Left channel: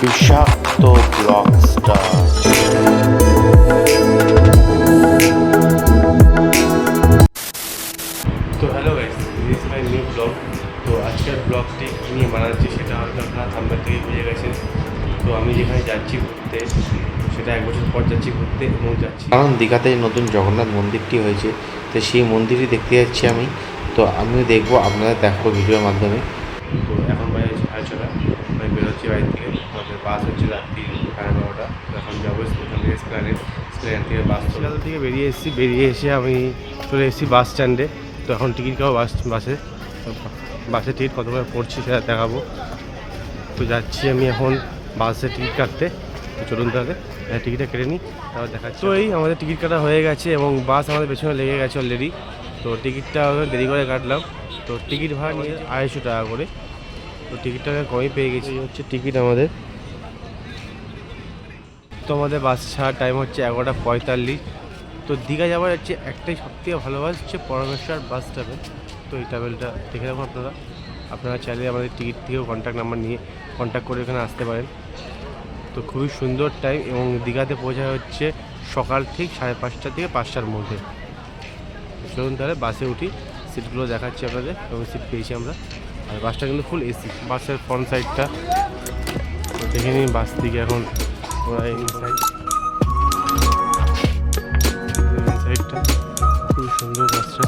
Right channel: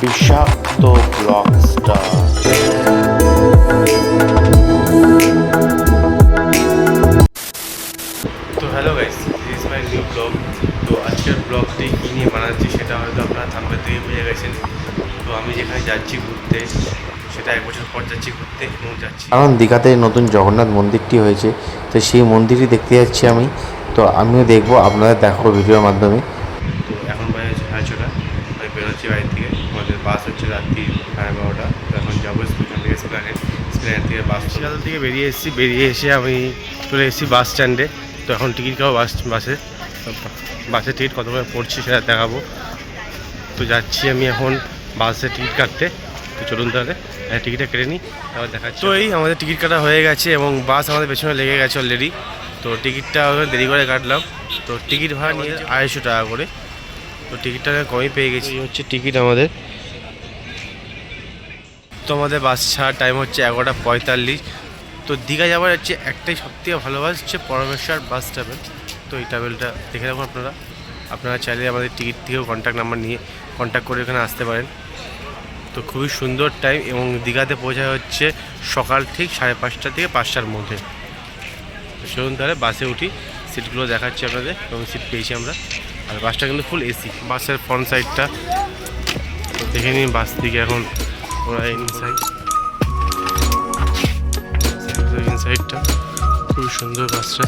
বিষাক্ত blog star. তো hello guys, this is my new blog. তো আজকের ব্লগটি কী নিয়ে বানাচ্ছি সেটা হয়তো আপনারা থাম্বনেল থেকে বুঝে গেছেন। তো আমি যেখানে যাচ্ছি ঘুরতে, সেটা 1 বছর পর যাচ্ছি ঘুরতে এবং যাচ্ছি কারণ দীঘাতে নতুন জগন্নাথ মন্দিরটি হয়েছে, তো সেই মন্দিরই দেখতে যাচ্ছি আমি। তো আমিও দেখবো, আপনারা দেখো ভিডিওর মাধ্যমে। তো এখন বাজে হচ্ছে 6:30, আমি বেরোচ্ছি বাড়ি থেকে। আমাদের বাস হচ্ছে রাত্রি 12:30। তো এখন যাবো এখান থেকে স্প্ল্যানেড থেকে বাস শিয়ালদা থেকে বেরিয়ে এসে আমি চলে এসেছি বাস স্ট্যান্ডে। তো এখন টিকিট কাটবো বাসের টিকিট কত করে পড়ছে সেটা দেখাবো। তো যাচ্ছি আমি এখন বাসের টিকিট কাটতে। তো চলুন তাহলে টিকিটটা কেটে নিই, তারপর দেখাচ্ছি। তো এই আমাদের টিকিট কাটা হয়ে গেছে এবং বাস আমাদের পেছনে লেগে গেছে অলরেডি। তো টিকিটটা দেরি করে কাটলাম। তো টিকিট ভাড়া নিয়ে 250 টাকা করে। তো টিকিটটা কমই পেয়ে গেছি। এই হচ্ছে টিকিট আমাদের। তো আমাদের বাস ছাড়ার টাইম হচ্ছে 11:45। তো দীঘা যাওয়ার হচ্ছে একটাই সবথেকে ভালো বাস হচ্ছে পরমেশ্বর বাস ট্রাভেল। তো এই ট্রাভেলটা দেখে রাখুন আপনারা চাইলে আমাদের টিকিট থেকেও কন্ট্যাক্ট নাম্বার নিয়ে কন্ট্যাক্ট করে এখানে আসতে পারেন। তো খুবই সুন্দর টাইম এবং দীঘাতে পৌঁছায় হচ্ছে সকাল ঠিক 5:30 থেকে 5টার মধ্যে। তো চলুন তাহলে বাসে উঠি, সিটগুলো দেখাচ্ছি আপনাদের এবং সিট পেয়েছি আমরা। আর বাসটা কিন্তু ফুল এসি, বাসের ফ্রন্ট সাইডটা তো দেখে নিন। বাস থেকে এখন ওরা ইনসাইডটা খুবই সুন্দর বাসটা,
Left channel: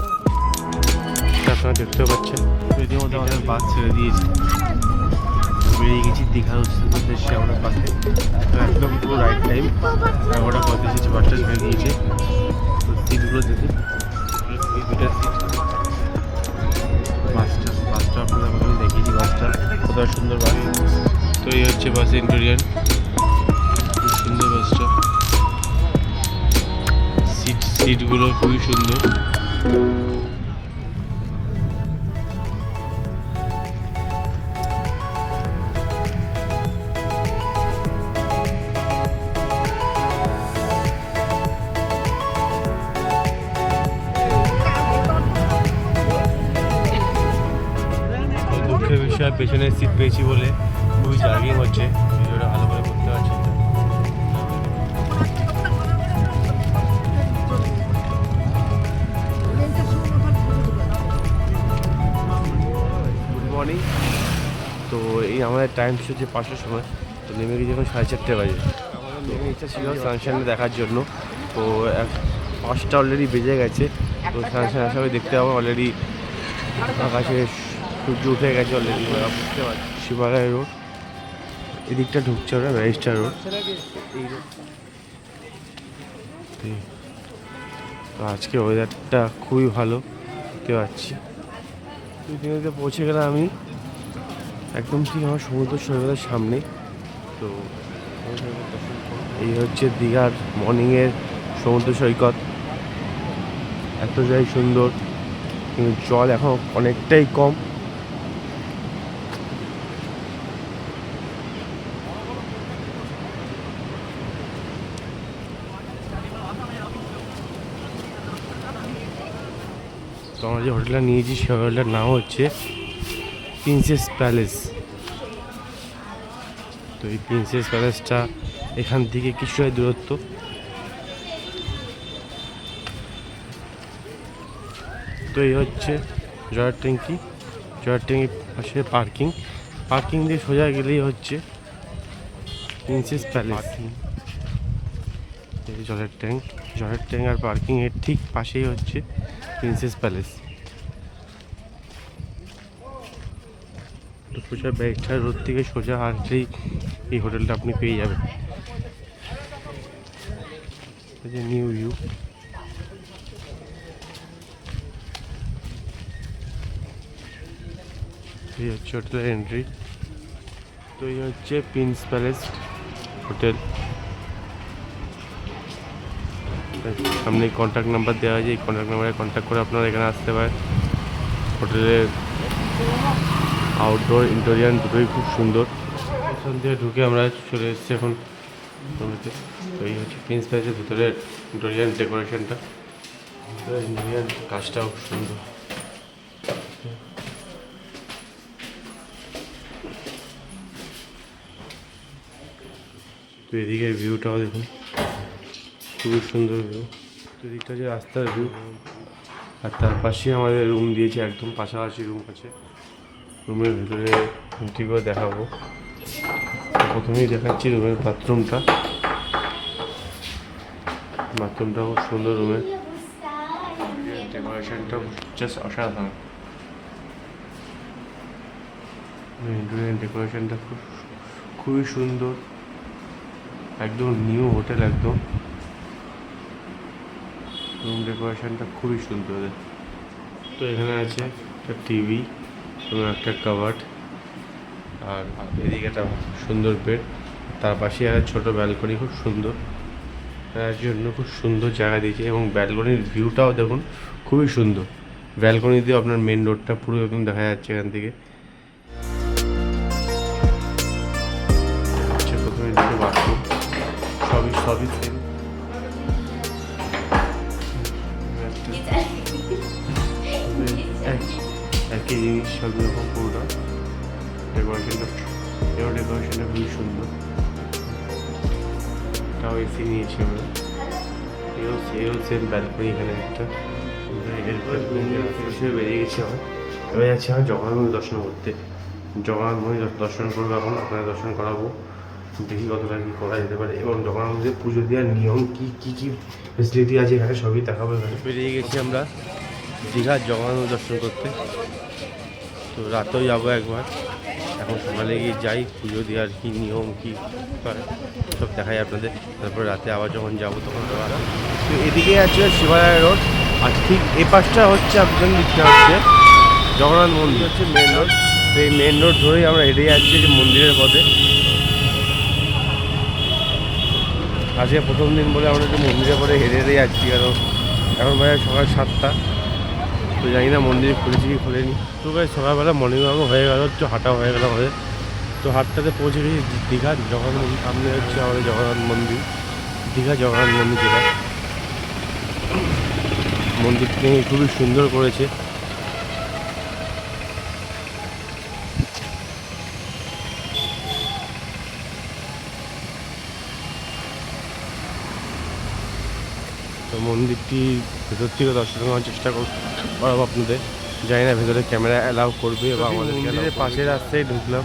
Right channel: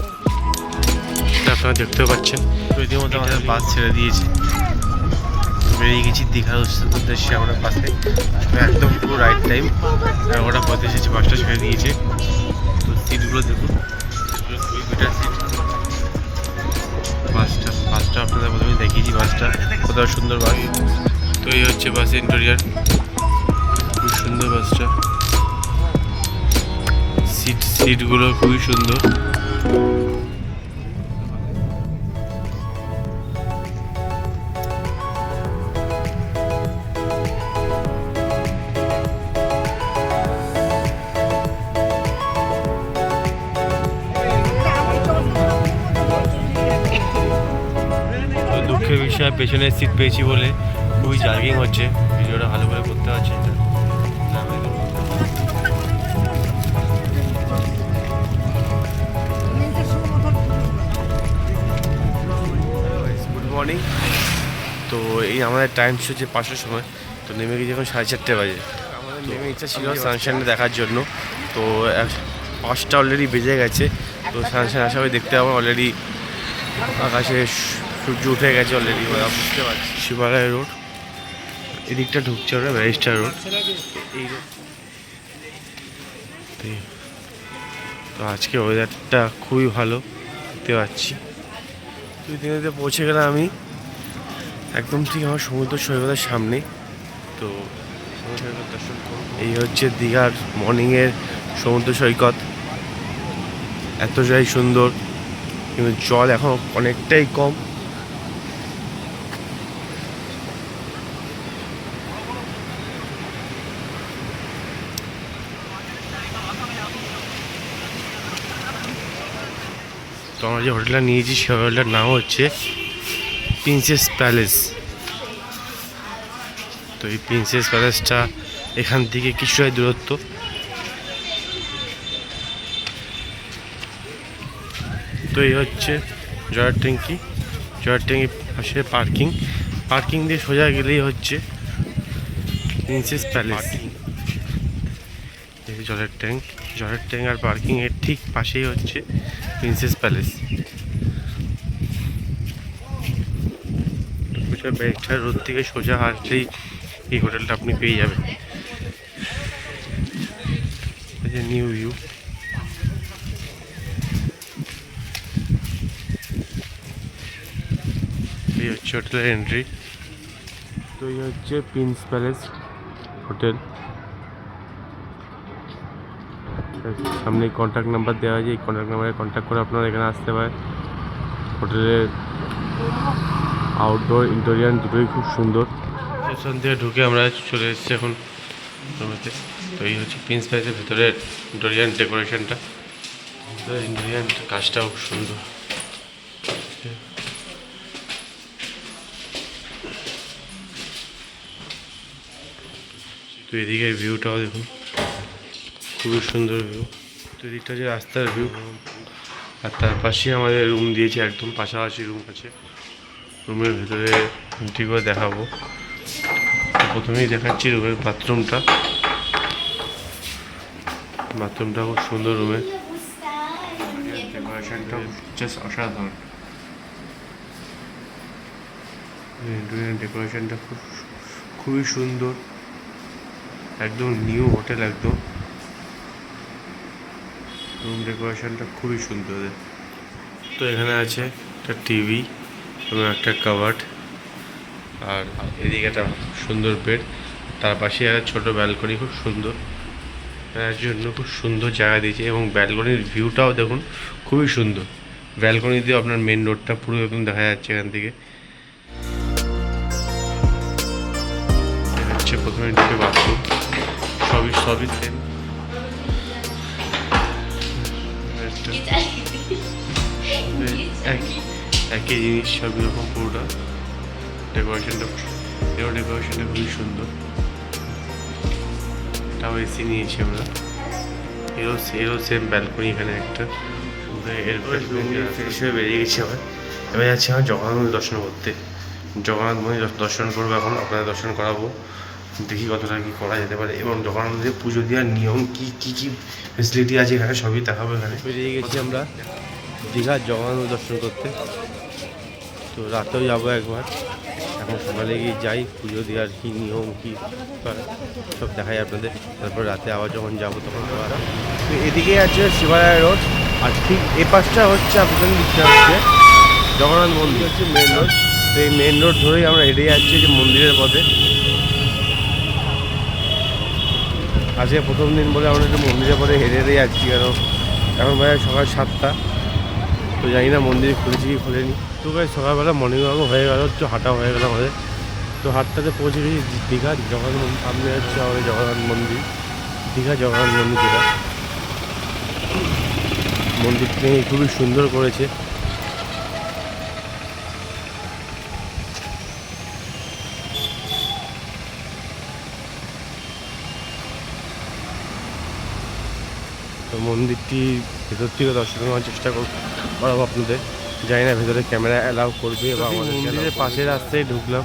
সেটা আপনারা দেখতেও পাচ্ছেন। তো ইতিমধ্যে আমাদের বাস ছেড়ে দিয়েছে, বেরিয়ে গেছি দীঘার উদ্দেশ্যে আমরা বাসে। তো একদম পুরো রাইট টাইম 11:35 এসেছি, বাসটা ছেড়ে দিয়েছে। তো সিটগুলো দেখুন, সিটগুলো খুবই বেটার সিট। বাসটা আপনাদের প্রথমে দেখিয়েছি, বাসটা কত সুন্দর বাস। তো এই হচ্ছে বাসের ইন্টেরিয়র, খুব সুন্দর বাসটা। সিটগুলো খুবই সুন্দর। দুঃখের বিষয় পেছনে সিট পেয়েছি বলে খুবই জার্কিং হচ্ছে, ভিডিওটা ভালো করে করতে পারছি না। Good morning. তো এই আমাদের টাইম হচ্ছে 5টার সময়। তো নেমে গিয়ে যখন 4:30 বাজে, আমাদের নেমে ইচ্ছা ছিল সানশাইন দেখার জন্য। তো 5টা অলরেডি বেজে গেছে। তো সানশাইন আশা করি দেখতে পাবো। অলরেডি আকাশে সূর্য উঠে গেছে অলরেডি, বুঝতে পারছি। শিবালয় রোড এদিকটা ঢুকছে, ওরা ব্যারিস্টার রোড, এই রোড। তো আজকে ওয়েদারটা খুবই ভালো দেখতে পাচ্ছি। 2 দিনেতে পৌঁছে গেলাম আমি একদম ঠিক আমার সমুদ্র সৈকতের সামনে। তো এই হচ্ছে দীঘার মর্নিংয়ের সমুদ্র সৈকত, এতটাই সুন্দর, কিন্তু জল এখন অনেকটাই কম। তো আমরা যে হোটেলটা নিয়েছি সে হোটেলটার নাম হচ্ছে প্রিন্সেস প্যালেস। তো এই প্রিন্সেস প্যালেসটা এখান থেকে কিছুটাই দূরত্ব। তো এই হচ্ছে জলের ট্যাঙ্কির পাশে পার্কিং দিয়ে সোজা গেলেই হচ্ছে প্রিন্সেস প্যালেস। এই জলের ট্যাঙ্ক আর পার্কিংয়ের ঠিক পাশেই হচ্ছে প্রিন্সেস প্যালেস। ব্যারিস্টার রোড থেকে সোজা আসলেই এই হোটেলটা আপনি পেয়ে যাবেন। নিউ ভিউ, এই হচ্ছে হোটেলের এন্ট্রি। তো এই হচ্ছে প্রিন্স প্যালেস হোটেল। সামনে কন্ট্যাক্ট নাম্বার দেওয়া আছে, এই কন্ট্যাক্ট নাম্বারে কন্ট্যাক্ট করে আপনারা এখানে আসতে পারেন। হোটেলের আউটডোর ইন্টেরিয়র দুটোই খুব সুন্দর। স্টেশন থেকে ঢুকে আমরা চলে এসেছি এখন রুমেতে। তো এই হচ্ছে প্রিন্স প্যালেসের ভিতরের ইন্টেরিয়র ডেকোরেশনটা। তো ইন্টেরিয়র কাজটাও খুব সুন্দর। তো এদিকের ভিউটাও দেখুন, খুবই সুন্দর ভিউ। তো এদিকটা হচ্ছে রাস্তার ভিউ, আর তার পাশেই আমাদের রুম দিয়েছে, একদম পাশাপাশি রুম আছে। রুমের ভেতরে এন্ট্রি করে দেখাবো। তো প্রথমেই দেখাচ্ছি রুমের বাথরুমটা। বাথরুমটা খুব সুন্দর, রুমের ডেকোরেশনটা জাস্ট অসাধারণ। ডেকোরেশনটা খুবই সুন্দর, একদম নিউ হোটেল একদম। রুম ডেকোরেশনটা খুবই সুন্দর। তো এখানে আছে একটা টিভি এবং একটা কাবার্ড, আর এদিকে একটা সুন্দর বেড, তার পাশে একটা ছোটো ব্যালকনি, খুব সুন্দর। তার জন্য খুব সুন্দর জায়গা দিয়েছে, এবং ব্যালকনির ভিউটাও দেখুন খুবই সুন্দর। ব্যালকনি দিয়ে আপনার মেন রোডটা পুরো একদম দেখা যাচ্ছে এখান থেকে। হচ্ছে প্রথমে ঢুকে বাথরুম, সবই সেম। একই জিনিস, সবই রকম পুরোটা। ডেকোরেশনটা খুবই সুন্দর। এটাও এসি নিয়েছি আমরা, এরও সেম ব্যালকনি এখানে একটা। হিসেবে বেরিয়ে গেছি আমার, এবার যাচ্ছি আমার জগন্নাথ মন্দির দর্শন করতে। জগন্নাথ মন্দির দর্শন করবো, এখন আপনাদের দর্শন করাবো, দেখি কতটা কী করা যেতে পারে, এবং জগন্নাথ মন্দিরে পুজো দেওয়ার নিয়ম কী ফেসিলিটি আছে এখানে সবই দেখাবো। এখানে বেরিয়ে গেছি আমরা দীঘার জগন্নাথ মন্দির দর্শন করতে। তো রাতেও যাবো একবার, এখন সকালে গিয়ে যাই, পুজো দেওয়ার কী নিয়ম কী সব দেখাই আপনাদের। তারপর রাতে আবার যখন যাবো তখন আবার। তো এদিকে আছে শিবালয় রোড, আর ঠিক এ পাশটা হচ্ছে আপনাদের দিকটা হচ্ছে জগন্নাথ মন্দির, হচ্ছে মেন রোড। তো এই মেন রোড ধরেই আমরা হেঁটে যাচ্ছি যে মন্দিরের পথে। আজকে প্রথম দিন বলে আমরা একটু মন্দিরের পরে হেঁটে যাচ্ছি, কারণ এখন ভাই সকাল 7টা। তো জানি না মন্দির খুলেছে কি খোলেনি। তো ভাই সকালবেলা মর্নিং ওয়াকও হয়ে গেল, একটু হাঁটা হয়ে গেল আমাদের। তো হাঁটটাতে পৌঁছে গেছি দীঘার জগন্নাথ মন্দির। সামনে হচ্ছে আমাদের জগন্নাথ মন্দির, দীঘা জগন্নাথ মন্দির, যেটা মন্দিরটি খুবই সুন্দর করেছে। তো মন্দিরটি ভেতর থেকে দর্শন করার চেষ্টা করাবো আপনাদের। জানি না ভেতরে ক্যামেরা অ্যালাউ করবে বা আমাদের। মন্দিরের পাশে রাস্তায় ঢুকলাম,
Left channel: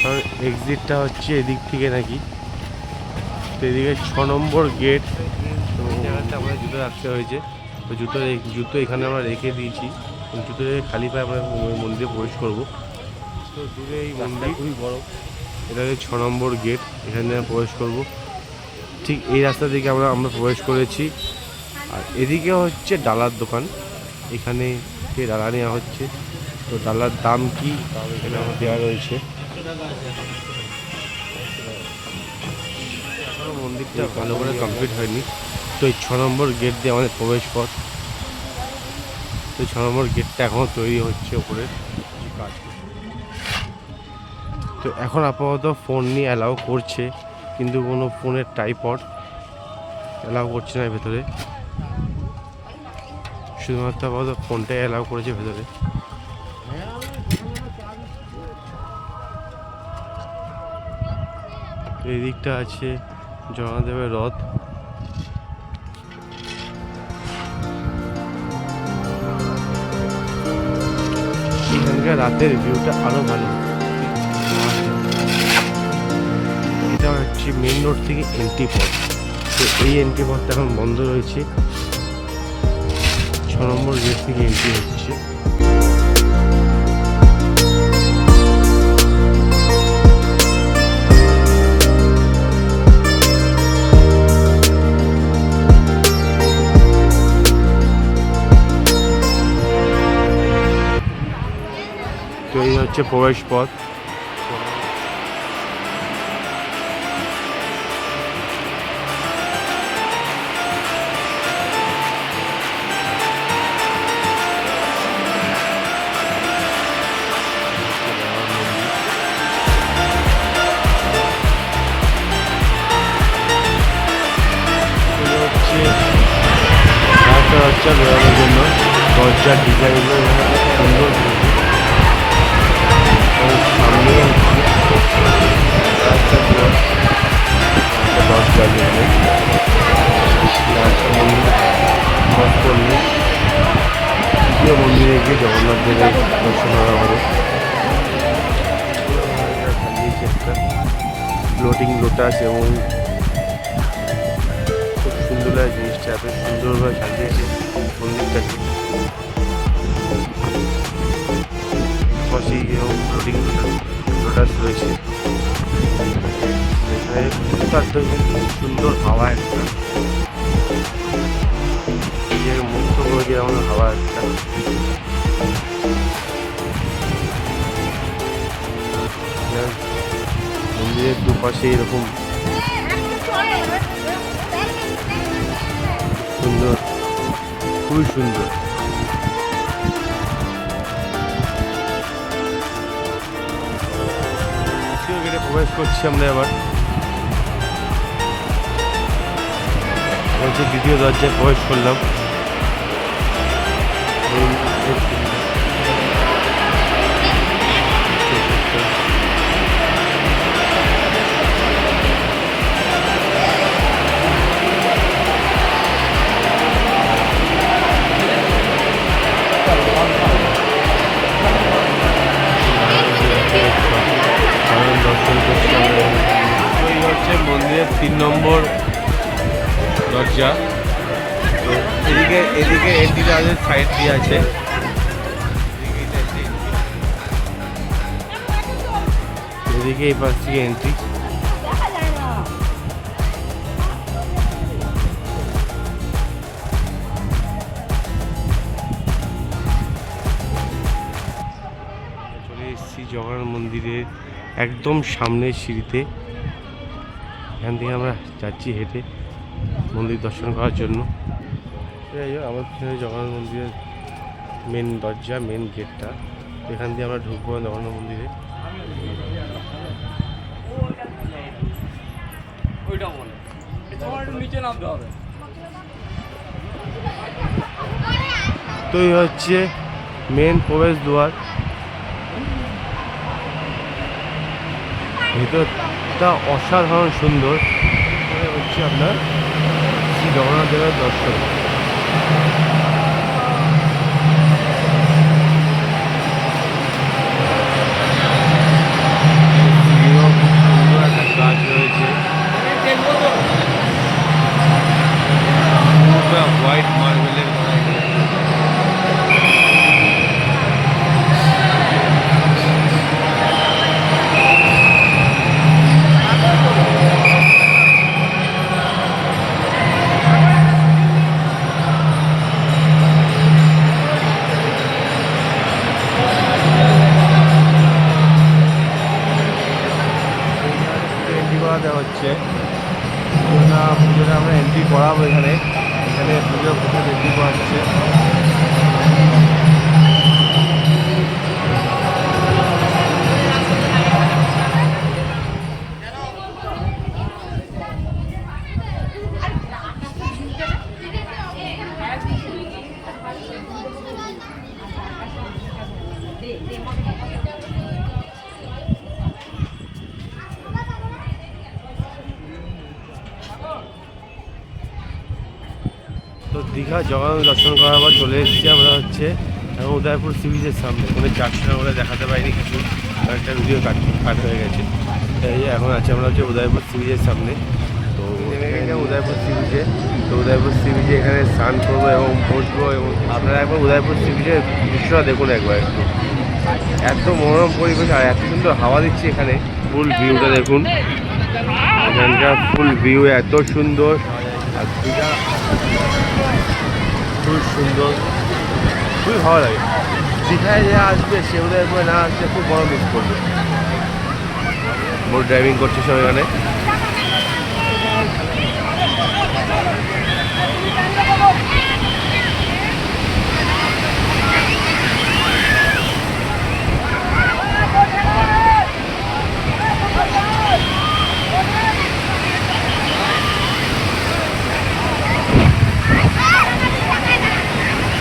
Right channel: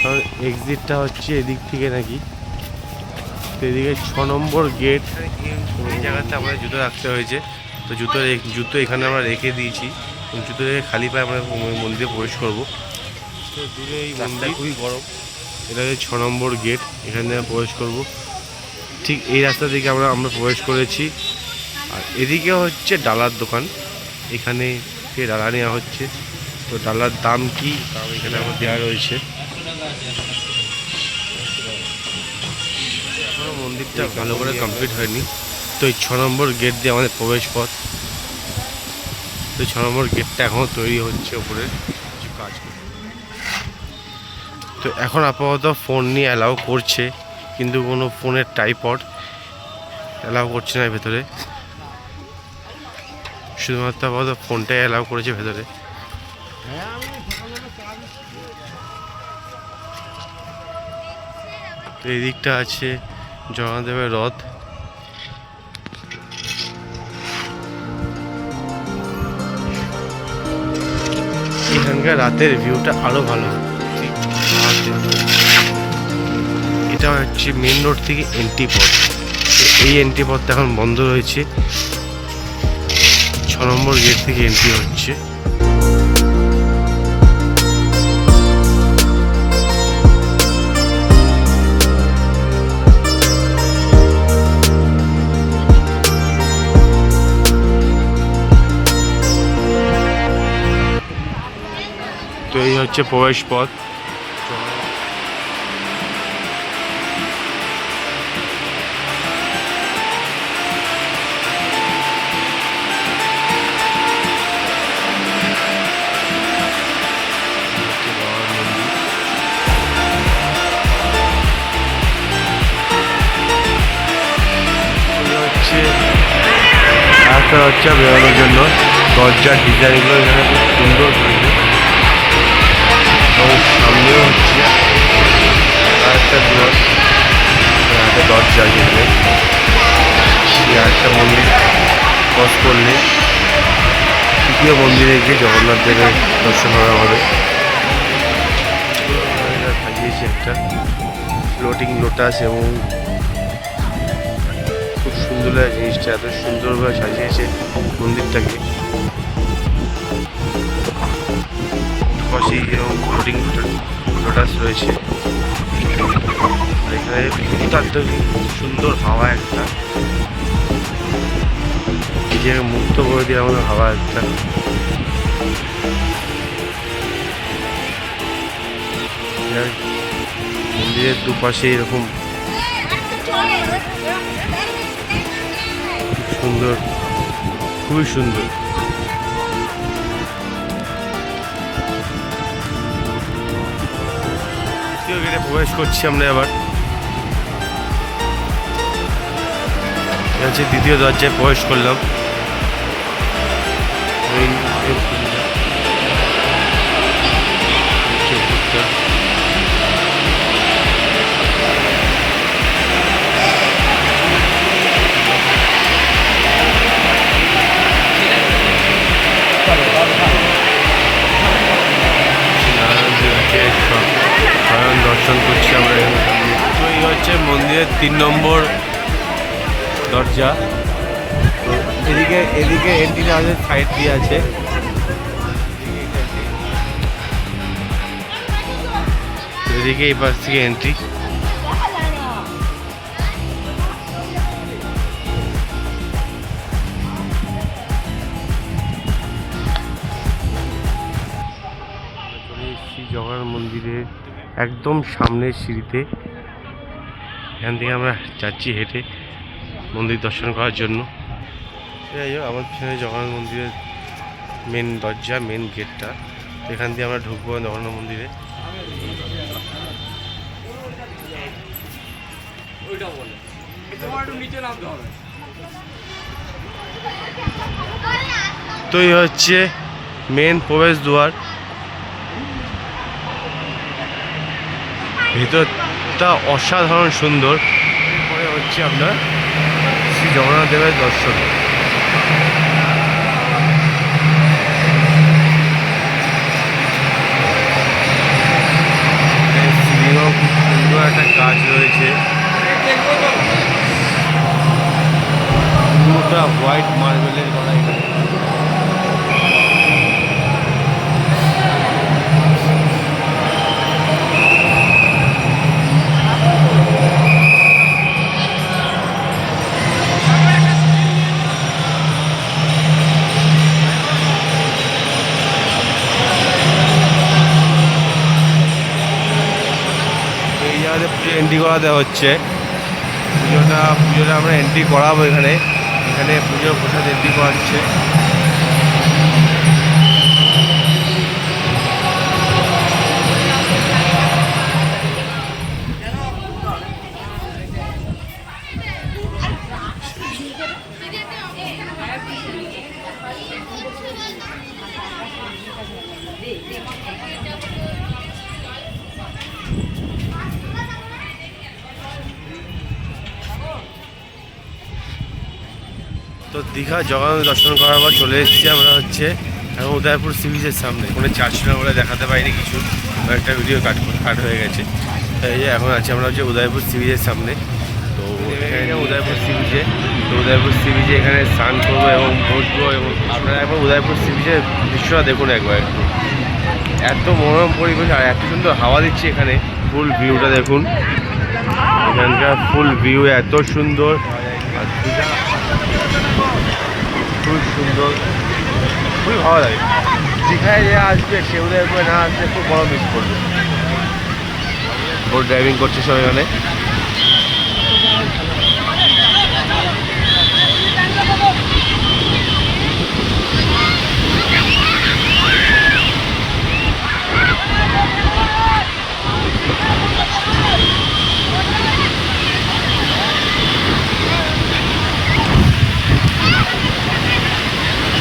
কারণ এক্সিটটা হচ্ছে এদিক থেকে নাকি। তো এদিকে 6 নম্বর গেট, এই জায়গাতে আমাদের জুতো রাখতে হয়েছে। তো জুতো এখানে আমরা রেখে দিয়েছি, জুতো রেখে খালি পায়ে আমরা মন্দিরে প্রবেশ করবো। তো দূরে এই মন্দির খুবই গরম, এটা হচ্ছে 6 নম্বর গেট, এখানে আমরা প্রবেশ করব। ঠিক এই রাস্তা থেকে আমরা প্রবেশ করেছি। আর এদিকে হচ্ছে ডালার দোকান, এখানে থেকে ডালা নেওয়া হচ্ছে। তো ডালার দাম কি এখানে আমার দেওয়া রয়েছে। এখনও মন্দিরটা ভালো করে কমপ্লিট হয়নি। তো এই 6 নম্বর গেট দিয়ে আমাদের প্রবেশ পথ। তো 6 নম্বর গেটটা এখনও তৈরি হচ্ছে, ওপরে কিছু কাজ করছে। তো এখন আপাতত ফোন নিয়ে অ্যালাউ করছে, কিন্তু কোনো ফোনের ট্রাইপড অ্যালাউ করছে না ভেতরে, শুধুমাত্র আপাতত ফোনটাই অ্যালাউ করেছে ভেতরে। তো এই দিকটা আছে জগন্নাথদেবের রথ। এখানকার রাতের ভিউটা আরো ভালো। এটা হচ্ছে মেন রোড থেকে এন্ট্রি পথ। তো এই এন্ট্রি পথটা এখন বন্ধ রয়েছে, 6 নম্বর গেট থেকে এন্ট্রি হচ্ছে। তো এই হচ্ছে প্রবেশ পথ। রাস্তা হচ্ছে বেরোনোর জন্য, দরজার ডিজাইনগুলো এখানে খুব সুন্দর করেছে, এবং সামনেও হচ্ছে একটা দুয়ার। দরজা যেখানে একটা মন্দির ক্রস করলে তৃতীয় মন্দিরে গিয়ে জগন্নাথ দেবের দর্শন করা হবে। সাজিয়েছে একটা ফ্লোটিং লোটাস এবং খুব সুন্দর লাগে জিনিসটা, এত সুন্দরভাবে সাজিয়েছে মন্দিরটাকে। পাশেই এরকম ফ্লোটিং লোটাস রয়েছে। এখানে অত্যন্ত সুন্দর হাওয়া একটা, নিজেকে মুক্ত করে দিয়ে আমাদের হাওয়া একটা। মন্দিরের দুপাশে এরকম সুন্দর, খুবই সুন্দর। দ্বিতীয় গেটে প্রবেশ করছি আমরা এবার। হচ্ছে দ্বিতীয় দরজায় প্রবেশ করলাম। দর্শন করছি আমরা। তো এই হচ্ছে মন্দিরের 3 নম্বর দরজা। তো এদিকে এন্ট্রিটা আছে, সাইড দিয়ে আছে। এদিকে এই পাশ থেকে এন্ট্রি। চলে এসেছি জগন্নাথ মন্দিরে একদম সামনের সিঁড়িতে। এখান থেকে আমরা যাচ্ছি হেঁটে মন্দির দর্শন করার জন্য। যাই হোক, আমার পিছনে জগন্নাথ মন্দিরের মেন দরজা, মেন গেটটা। এখান দিয়ে আমরা ঢুকবো জগন্নাথ মন্দিরে। তো এই হচ্ছে মেন প্রবেশ দ্বার। ভেতরটা অসাধারণ সুন্দর। এরপরে হচ্ছে আপনার শ্রী জগন্নাথ দেবের দর্শন। সিঁড়িও খুব সুন্দর একটা কাজ রয়েছে, পুরোটা হোয়াইট মার্বেলের করা এখানে। দেওয়া হচ্ছে পুজোটা আমরা এন্ট্রি করাবো এখানে পুজোর প্রসাদ এন্ট্রি করাচ্ছে। তো দীঘা জগন্নাথ দর্শন করার পর চলে এসেছি আমরা হচ্ছে এখন উদয়পুর সি বিচের সামনে। ফোনে চার্জ ছিল বলে দেখাতে পারিনি কিছু, একটা ভিডিও কাট হয়ে গেছে। এই যে এখন আছি আমরা হচ্ছে উদয়পুর সি বিচের সামনে। তো এখানে উদয়পুর সি বিচে, তো উদয়পুর সি বিচে এখানে স্নান করবো এবং বসবো। এবং আপনারা একবার উদয়পুর সি বিচের দৃশ্যটা দেখুন একবার একটু, এত মনোরম পরিবেশ আর এত সুন্দর হাওয়া দিচ্ছে এখানে। ফুল ভিউটা দেখুন, এখানকার ফুল ভিউ এত সুন্দর আর দীঘা খুব সুন্দর, খুবই ভালো লাগে। দীঘায় যে আসবে সে উদয়পুরে না আসলে খুব বড় মিস করবে। বোট ড্রাইভিং করছে সব এখানে।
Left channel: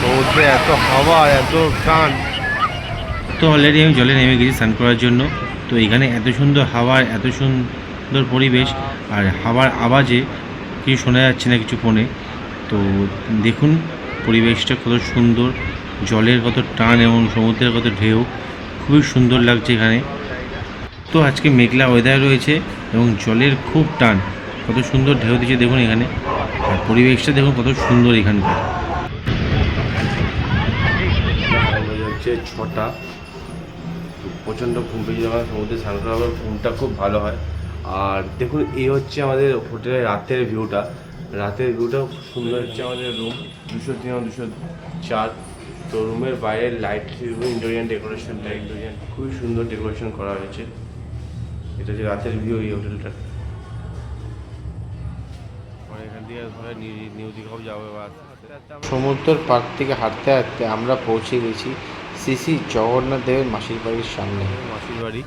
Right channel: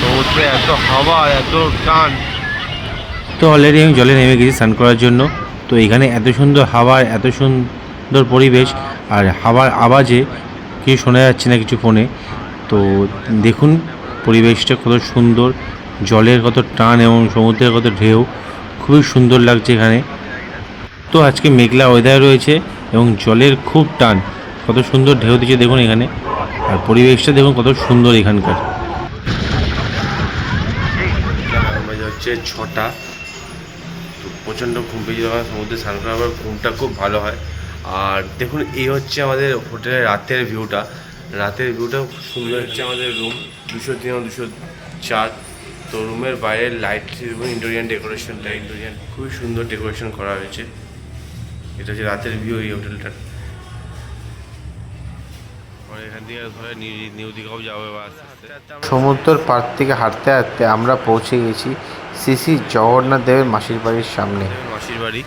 সমুদ্রে এত হাওয়া, এত টান। তো অলরেডি আমি জলে নেমে গেছি স্নান করার জন্য। তো এখানে এত সুন্দর হাওয়া, এত সুন্দর পরিবেশ, আর হাওয়ার আওয়াজে কিছু শোনা যাচ্ছে না কিছু ফোনে। তো দেখুন পরিবেশটা কত সুন্দর, জলের কত টান এবং সমুদ্রের কত ঢেউ, খুবই সুন্দর লাগছে এখানে। তো আজকে মেঘলা ওয়েদার রয়েছে এবং জলের খুব টান, কত সুন্দর ঢেউ দিচ্ছে দেখুন এখানে, আর পরিবেশটা দেখুন কত সুন্দর এখানকার। হচ্ছে 6টা, তো প্রচণ্ড ঘুম পেয়ে যাওয়া, সমুদ্রে স্নান করার পর ঘুমটা খুব ভালো হয়। আর দেখুন এই হচ্ছে আমাদের হোটেলের রাতের ভিউটা, খুব সুন্দর হচ্ছে আমাদের রুম 203 204। তো রুমের বাইরের লাইট এবং ইন্টেরিয়ার ডেকোরেশনটা খুবই সুন্দর ডেকোরেশন করা হয়েছে। এটা হচ্ছে রাতের ভিউ এই হোটেলটার। এখান থেকে ধরে নিউ দীঘাও যাবে বা সমুদ্রের পাড় থেকে হাঁটতে হাঁটতে আমরা পৌঁছে গেছি শ্রী শ্রী জগন্নাথ দেবের মাসির বাড়ির সামনে। মাসির বাড়ি,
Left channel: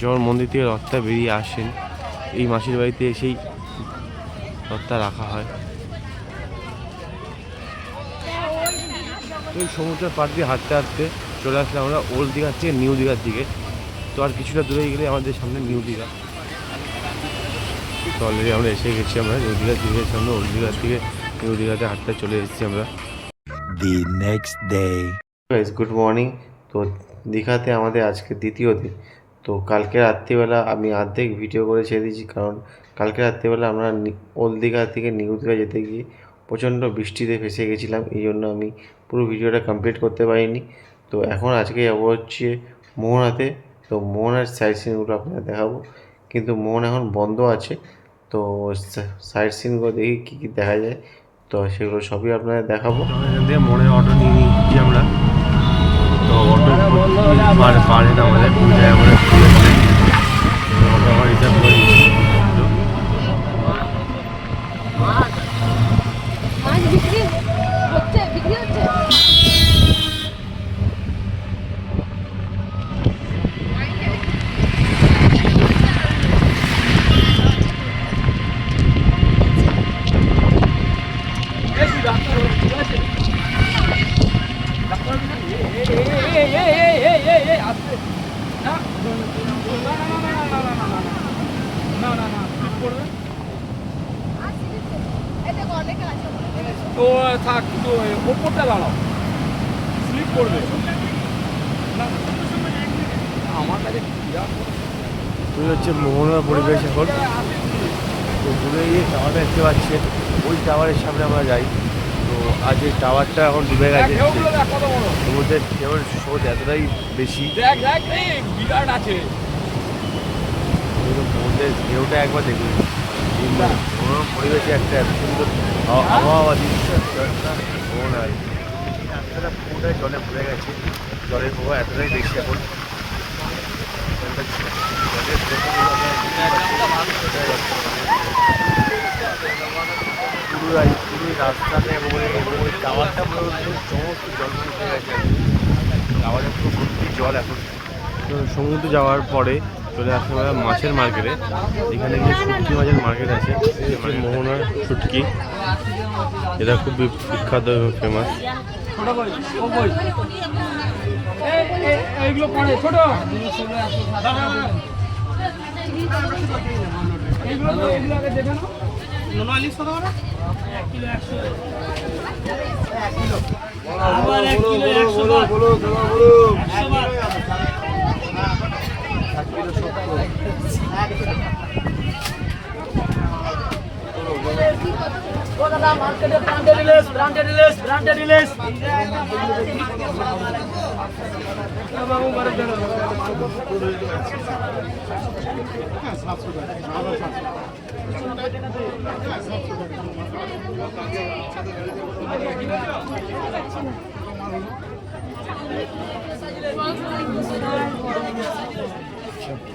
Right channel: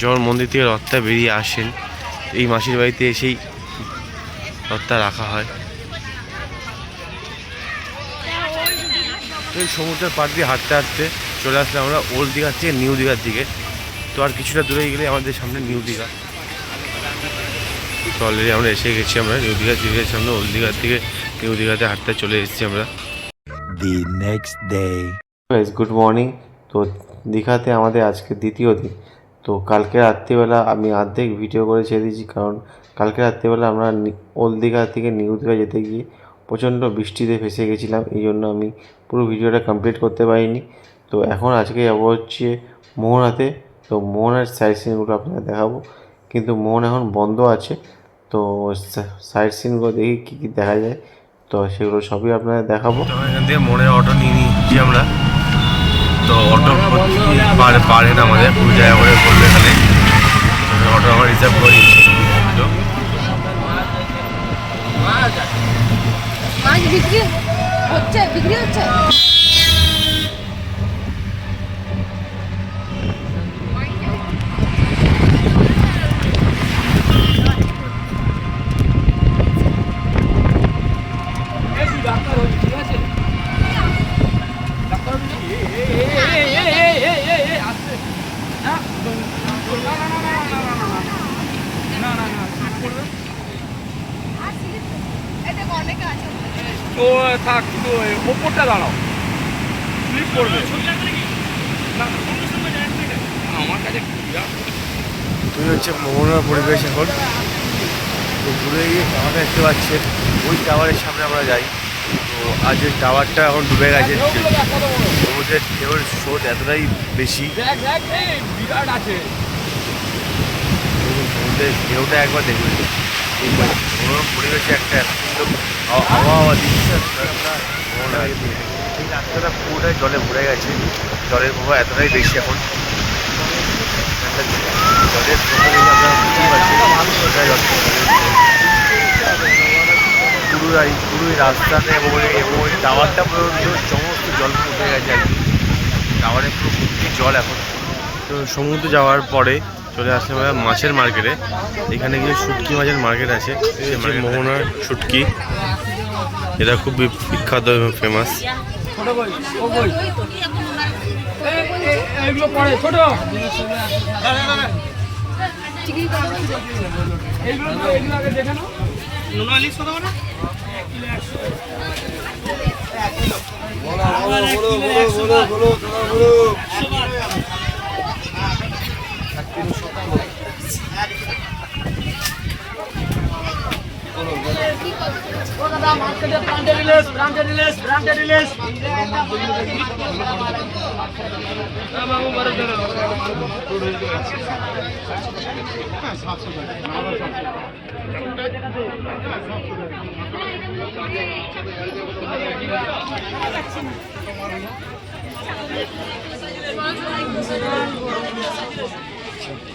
যখন মন্দির থেকে রথটা বেরিয়ে আসেন, এই মাসির বাড়িতে এসেই রথটা রাখা হয়। তো এই সমুদ্রের পাড় দিয়ে হাঁটতে হাঁটতে চলে আসলে আমরা ওল্ড দীঘার থেকে নিউ দীঘার দিকে। তো আর কিছুটা দূরে গেলে আমাদের সামনে নিউ দীঘা। তো অলরেডি আমরা এসে গেছি, আমরা নিউ দীঘার সামনে ওল্ড দীঘার থেকে নিউ দীঘাতে হাঁটতে চলে এসেছি আমরা। The next day. Good morning. তো দীঘাতে আমাদের আজকে দ্বিতীয় দিন। তো কালকে রাত্রিবেলা আমি অর্ধেক ভিডিও করে ছেড়ে দিয়েছি, কারণ কালকে রাত্রিবেলা আমরা ওল্ড দীঘা থেকে নিউ দীঘা যেতে গিয়ে প্রচণ্ড বৃষ্টিতে ফেসে গেছিলাম, এই জন্য আমি পুরো ভিডিওটা কমপ্লিট করতে পারিনি। তো এখন আজকে যাবো হচ্ছে মোহনাতে। তো মোহনার সাইড সিনগুলো আপনাদের দেখাবো, কিন্তু মোহন এখন বন্ধ আছে। তো সাইড সিনগুলো দেখি কী কী দেখা যায়, তো সেগুলো সবই আপনাদের দেখাবো। তো এখান থেকে মনের অটো নিয়ে নিচ্ছি আমরা। তো অটো পার হেড আমাদের 2 টাকা করে পড়বে এখানে। অটো আমরা রিজার্ভ করে নিচ্ছি। মাছ বিক্রি হচ্ছে তো থাক, তো ওপরটা দাঁড়াও, স্লিপ করবে আমার কাছে। তুই হচ্ছে মোহনার পরিবেশ এখন। তো ঘুরে গিয়ে টাওয়ারটা দেখতে পাচ্ছেন, ওই টাওয়ারের সামনে আমরা যাই। তো আজ ওই টাওয়ারটা এখন ডুবে গেছে, সমুদ্রের ঢেউয়ের স্রোত এতটাই বেশি। বিরাট আছে সমুদ্রের ঢেউটা একবার দেখুন, এই মনোরম পরিবেশে একটা এত সুন্দর আবহাওয়া দিচ্ছে একটা মোহনা আর কি। এই রাস্তাটা পুরোটাই জলে ভরে গেছে, জলের প্রভাব এতটাই বেশি এখন। জলের পুরোই রাস্তাতে এবং ওই টাওয়ারটা পর্যন্ত সমস্ত জল উঠে গেছে আর কি। টাওয়ারে পুরো ভর্তি জল এখন। তো সমুদ্রে যাওয়ার পরে চলে আসলাম আমরা মাছের মার্কেটে। এখানে গিয়ে শুটকি মাছের মার্কেট আছে, মোহনার শুটকি, এটা খুব বিখ্যাত এবং ফেমাস। এইগুলো পড়ে ছোট, এইগুলো আগে দেখে নাও। নোনা ইলিশ কত করে? 1 কিলো 100, 1 কিলো আবার 1 কিলো 100 টাকা। ও দাদা মার্কেটে ব্র্যান্ডেড ইলিশ বাবু মারে দেন।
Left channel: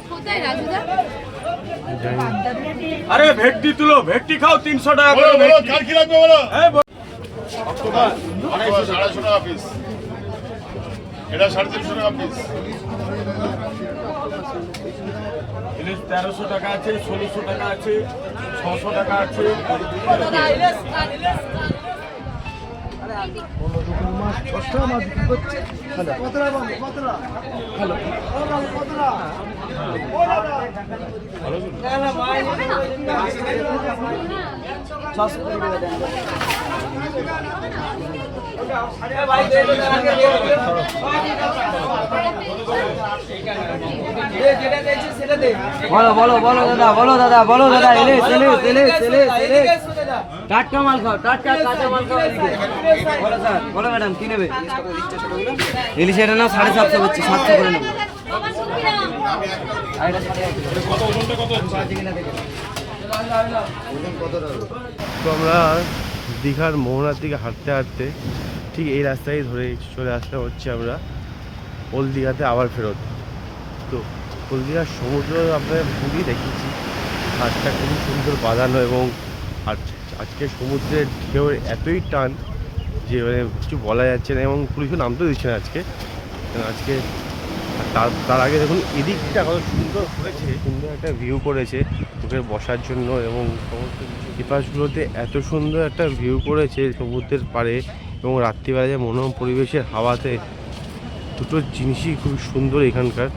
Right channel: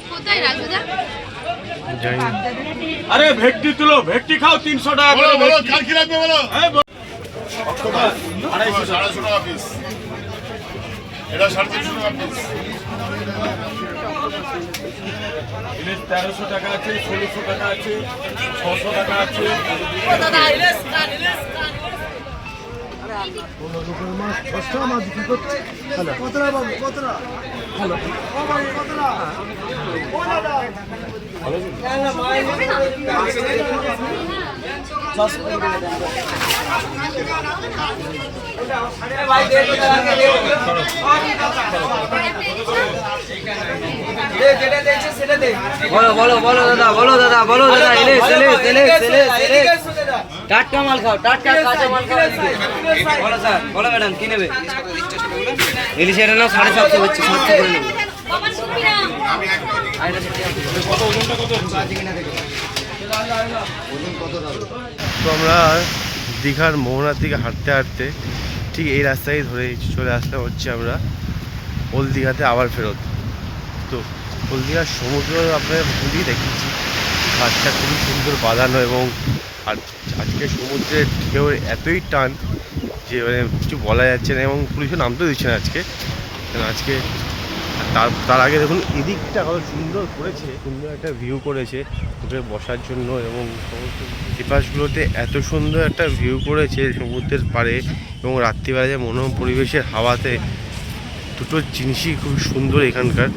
কোথায় রাজুদা? আরে ভেটকি তুলো, ভেটকি খাও 300 টাকা করে। বলো কাল কি লাগবে বলো? এই বলো। 250 টাকা পিস, এটা 350 টাকা পিস। ইলিশ 1300 টাকা আছে, 1600 টাকা আছে, 600 টাকা আছে। বলো বলো বলো দাদা, বলো দাদা, বলো দাদা, ইলিশ ইলিশ ইলিশ ইলিশ ইলিশ টাটকা মাল খাও, টাটকা কাঁচা মাল খাও আজকে। বলো স্যার, বলো ম্যাডাম, কি নেবে? ইলিশ এটা না 750 হচ্ছে, 700 করে নেবে। তো আমরা দীঘার মোহনার দিকে হাঁটতে হাঁটতে ঠিক এই রাস্তায় ধরে চলে আসলাম হচ্ছে আমরা ওল্ড দীঘাতে আবার ফেরত। তো ওল্ড দীঘার সমুদ্র আপনার খুবই দেখিয়েছি, ঘাটটা খুবই সুন্দর বাঁধানো এবং আজকে সমুদ্রের ঢেউ এতই টান যে মানে কিছু বলা যাচ্ছে না এবং পুলিশও নামতেও দিচ্ছে না আজকে। আজকে তার আগে দেখুন এদিকটা কত সুন্দর করেছে, সুন্দর একটা ভিউ করেছে ওকে বসার জন্য এবং সমস্ত এপাশগুলোতে এত সুন্দর একটা ভিউ করেছে সমুদ্রের পাড়ে এবং রাত্রিবেলা যে মনোরম পরিবেশের হাওয়াতে দুটো জিনিসই খুব সুন্দর এখানকার।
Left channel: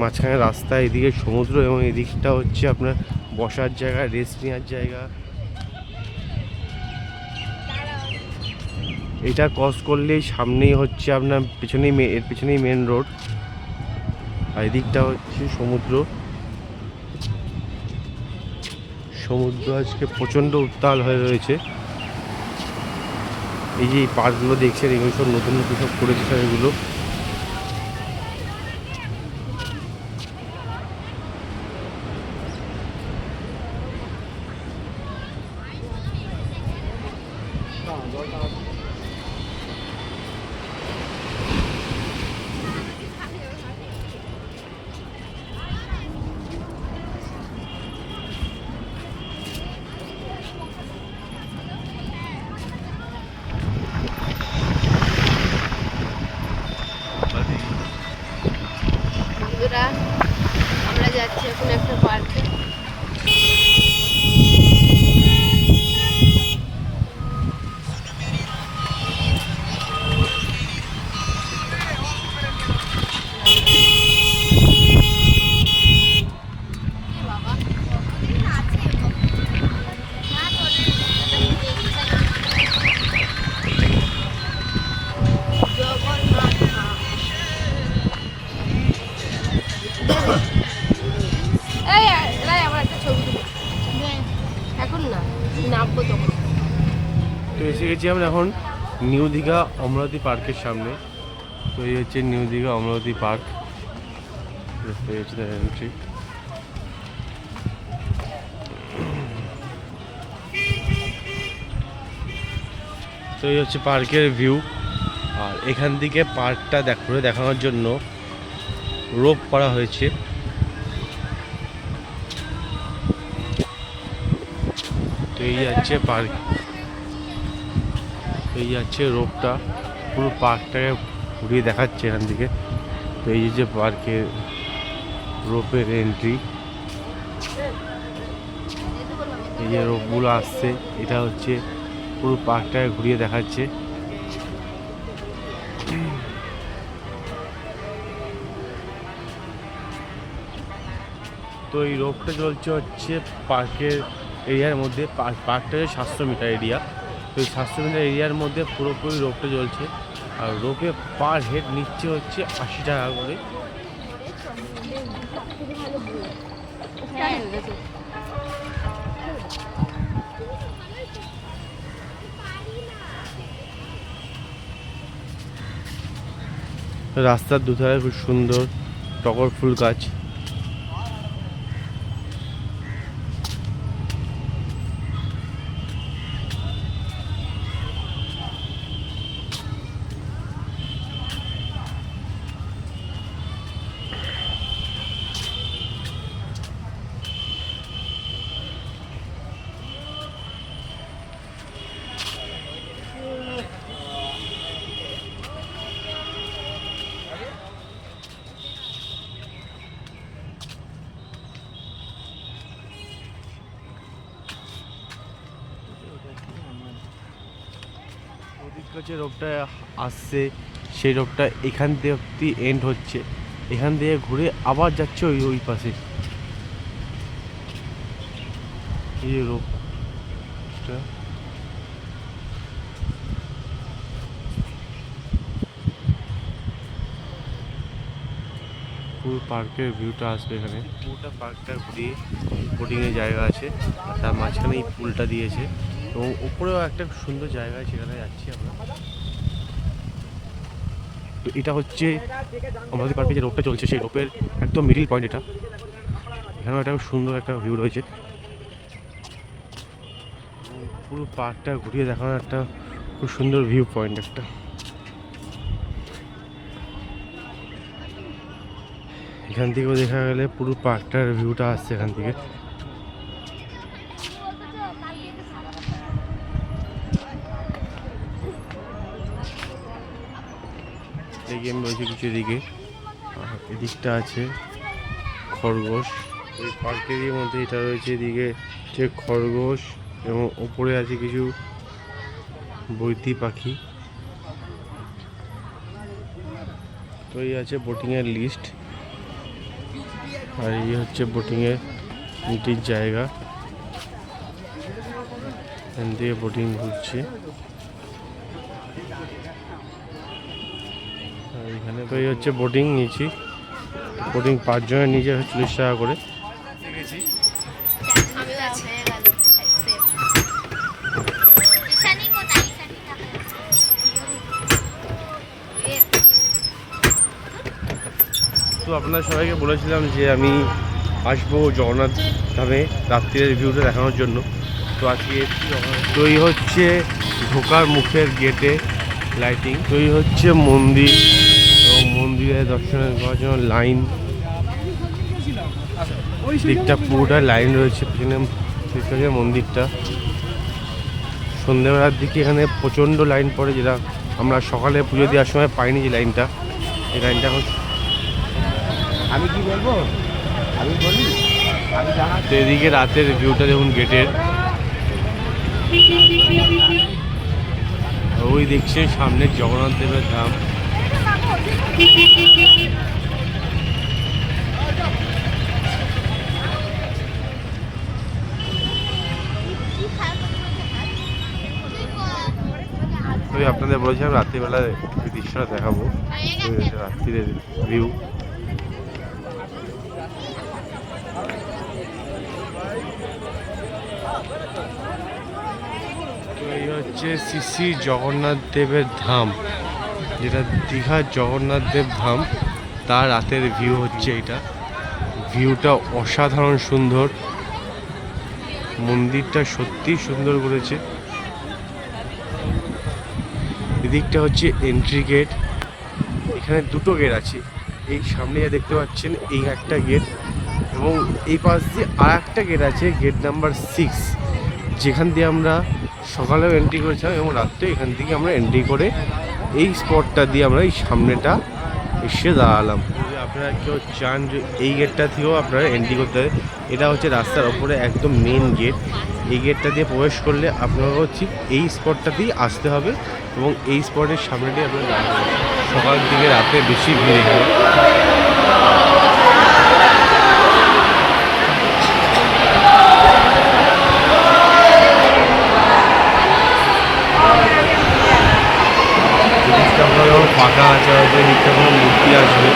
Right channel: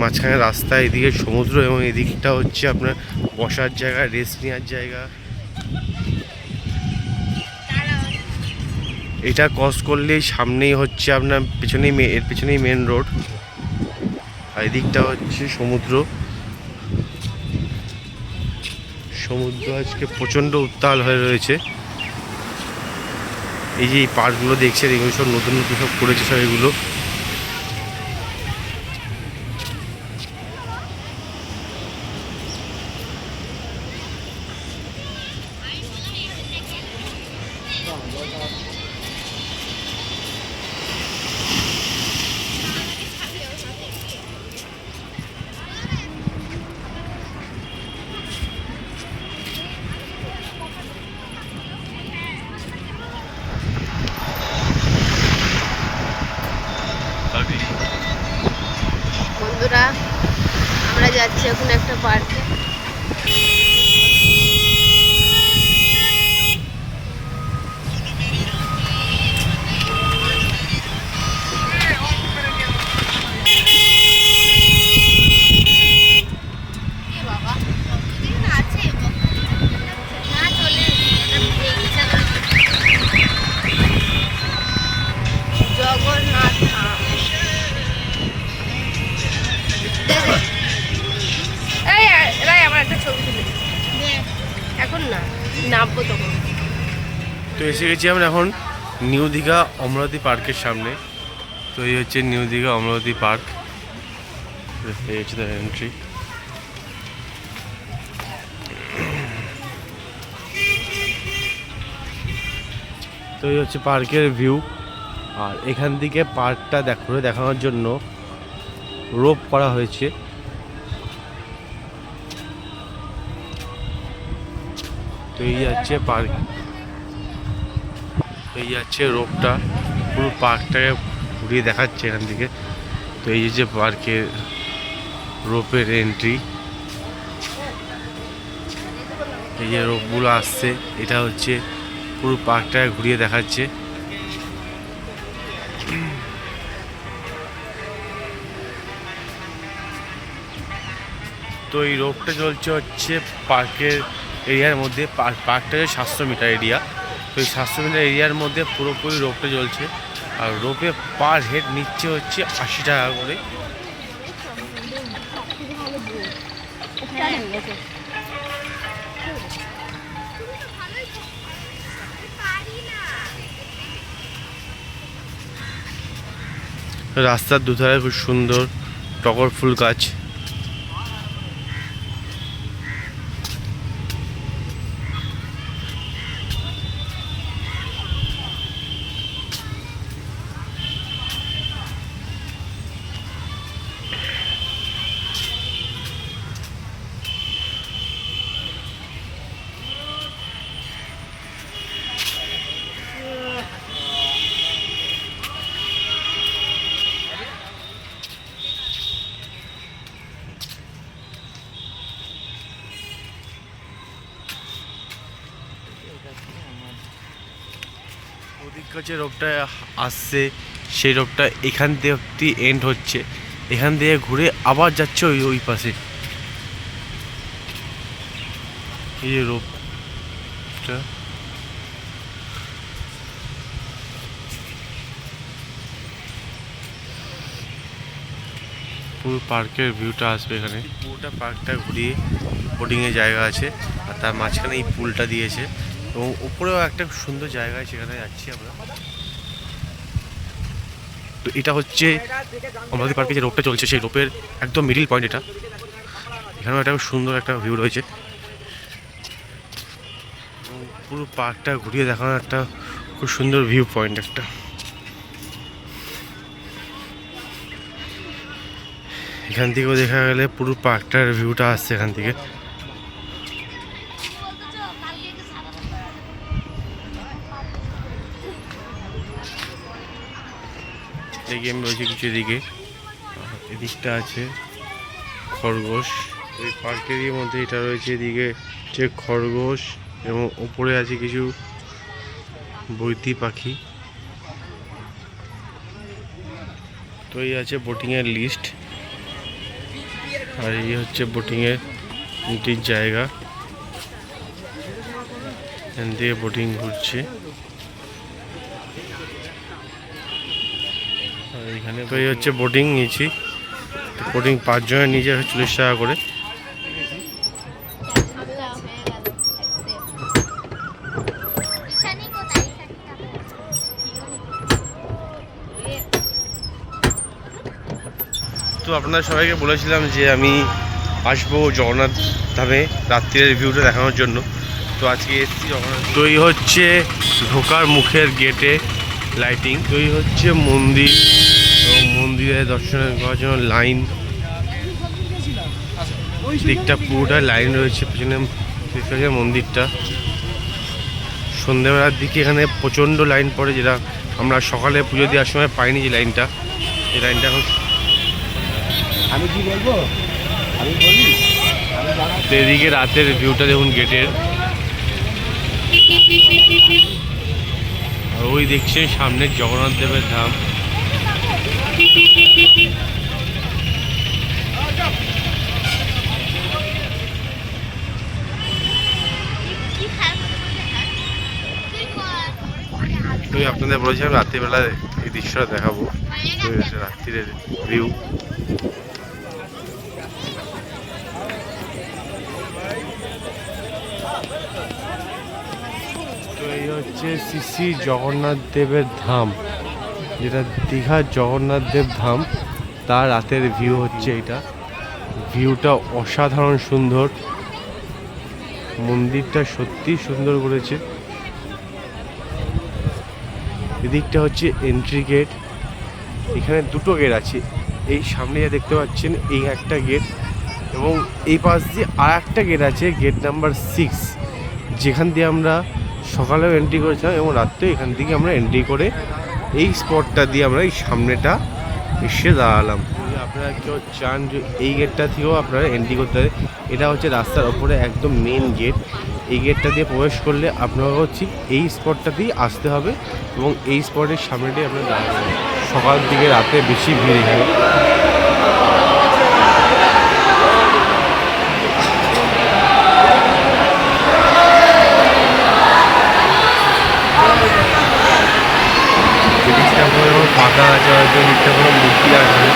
মাঝখানে রাস্তা, এদিকে সমুদ্র এবং এদিকটা হচ্ছে আপনার বসার জায়গা, রেস্ট নেওয়ার জায়গা। এটা ক্রস করলেই সামনেই হচ্ছে আপনার এর পেছনেই মেন রোড, আর এদিকটা হচ্ছে সমুদ্র। সমুদ্র আজকে প্রচণ্ড উত্তাল হয়ে রয়েছে। এই যে এই পার্কগুলো দেখছেন এগুলো সব নতুন নতুন সব করেছে সব এগুলো। বন্ধুরা আমরা যাচ্ছি এখন একটা পার্কে। এখন না নামবো তখন। তো এসে গেছি আমরা এখন নিউ দীঘা অমরাবতী পার্কের সামনে। তো এই হচ্ছে নিউ দীঘা অমরাবতী পার্ক, এই হচ্ছে তার এন্ট্রি। তো এই হচ্ছে পার্কের ভিউ, আর এখান থেকে পার্কটা ঘুরে দেখানোর জন্য রোপ করা হয়েছে। তো এই যাচ্ছে পার্ক, এই যাচ্ছে রোপটা পুরো পার্কটাকে ঘুরিয়ে দেখাচ্ছে এখান থেকে। তো এই যে পার্কের রোপের এন্ট্রি, এই যে রোপগুলো আসছে এটা হচ্ছে পুরো পার্কটাকে ঘুরিয়ে দেখাচ্ছে। তো এই রোপটা চলছে হচ্ছে পার্কের এরিয়ার মধ্যে। পার্কটা হচ্ছে 700 মিটার এরিয়া। তো এই 700 মিটার এরিয়ার মধ্যে পুরোপুরি রোপটা চলছে, আর রোপে পার হেড নিচ্ছে হচ্ছে 80 টাকা করে। রাস্তার দুধারে খুব সুন্দর টগর ফুল গাছ। যে রোপটা আসছে সেই রোপটা এখান থেকে অব্দি এন্ড হচ্ছে, এখান থেকে ঘুরে আবার যাচ্ছে ওই পাশে। এই যে রোপটা পুরো পার্কের ভিউটা আসবে এখানে। পুরোটা পার্কটা ঘুরিয়ে বোটিংয়ের জায়গা আছে, আর তার মাঝখানে এই পুলটা দিয়েছে এবং উপরেও একটা সুন্দর জায়গা আছে, সেখানে যাচ্ছি আমরা। তো এটা হচ্ছে আমাদের পার্কে যে রোপটা চলছে সেই রোপের একদম মিডিল পয়েন্ট এটা। এখানেও একটা সুন্দর একটা ভিউ রয়েছে। পুরো পার্কটা ঘুরিয়ে দেখানো একটা খুব সুন্দর ভিউ পয়েন্ট একটা। এখান থেকেও দেখা গেলে পুরো পার্কটার ভিউটা আসছে এখান থেকে। এই গেম রয়েছে কিছু এদিকে, আর এদিকটা আছে খরগোশ। এই পার্কেরই মধ্যে এটা রয়েছে, এদিকে যে খরগোশ এবং উপরে আছে কিছু বৈতি পাখি। তো এই আছে বোটিংয়ের লিস্ট, আর এই হচ্ছে বোটিংয়ের জায়গা। এখান থেকে বোটিং ঘুরছে। আর এখানে তো এই হচ্ছে বোটিং নিয়েছি, বোটিং 5 জনের নিচে 40 টাকা করে। তো আপনাদের সবাইকে বলেছিলাম যে আমি আসবো জগন্নাথ ধামে রাত্রির ভিউটা দেখানোর জন্য। তো আজকে এসেছি জগন্নাথ। তো এই হচ্ছে ঢোকার মুখের গেটে লাইটিং। তো এই হচ্ছে মন্দির, এবং মন্দিরে দর্শন করার জন্য লাইন, দিকটা পুরোটা লাইন রয়েছে পেছনে মন্দিরটা। সন্ধ্যেবেলার দিকে এখানে প্রচণ্ড লাইন পড়ে, যেটা আমরা সকালে পুজো দেওয়ার সময় পাইনি। যে লাইনটা, এই লাইনটা এখন তো এদিকে রাতের ভিউটা দেখুন গেটের। আর ওই দেখছেন সামনে জগন্নাথ দেবের ধাম। তো আপনাদের বলেছিলাম রাত্রিবেলা এই দৃশ্যটা দেখাবো, রাত্রির ভিউ। তো এই হচ্ছে শ্রী জগন্নাথ দেবের ধাম, যেটা দীঘার জগন্নাথ দেব ধাম, তার রাতের ভিউ হচ্ছে এটা। ভিউটা অসাধারণ সুন্দর, মন্দিরটা সত্যি সুন্দর করেছে। এদিকটা হচ্ছে এন্ট্রি গেট, এখানে দুটো গেট আছে। এই সামনে যা দেখতে পাচ্ছেন এই একটা গেট, এবং এই পাশ দিয়ে আর একটা গেট আছে, গেট নাম্বার 6, যেখান দিয়ে আমরা সকালেও এন্ট্রি করেছিলাম এবং রাত্রেও এখান থেকে আমরা এন্ট্রি করে এই স্পটটা দিয়ে আমরা এই সামনেটা এসে দাঁড়ালাম। যদি আপনারা কেউ চান যে এই গেটটা থেকেও আপনারা এন্ট্রি করতে হবে, এটা হচ্ছে রাস্তার ওপরে একদম মেন গেট। এই গেটটা দিয়ে প্রবেশ করলে আপনারাও ঠিক এই স্পটটাতেই আসতে হবে, এবং এই স্পটের সামনেটাই আপনারা দাঁড়াবেন। সকালের দিকে রাতে বেশি ভিড় এখানে। দিকটা কোনো ফাঁকা আছে, হয়তো দিকটা কোনো মূর্তি আসবে।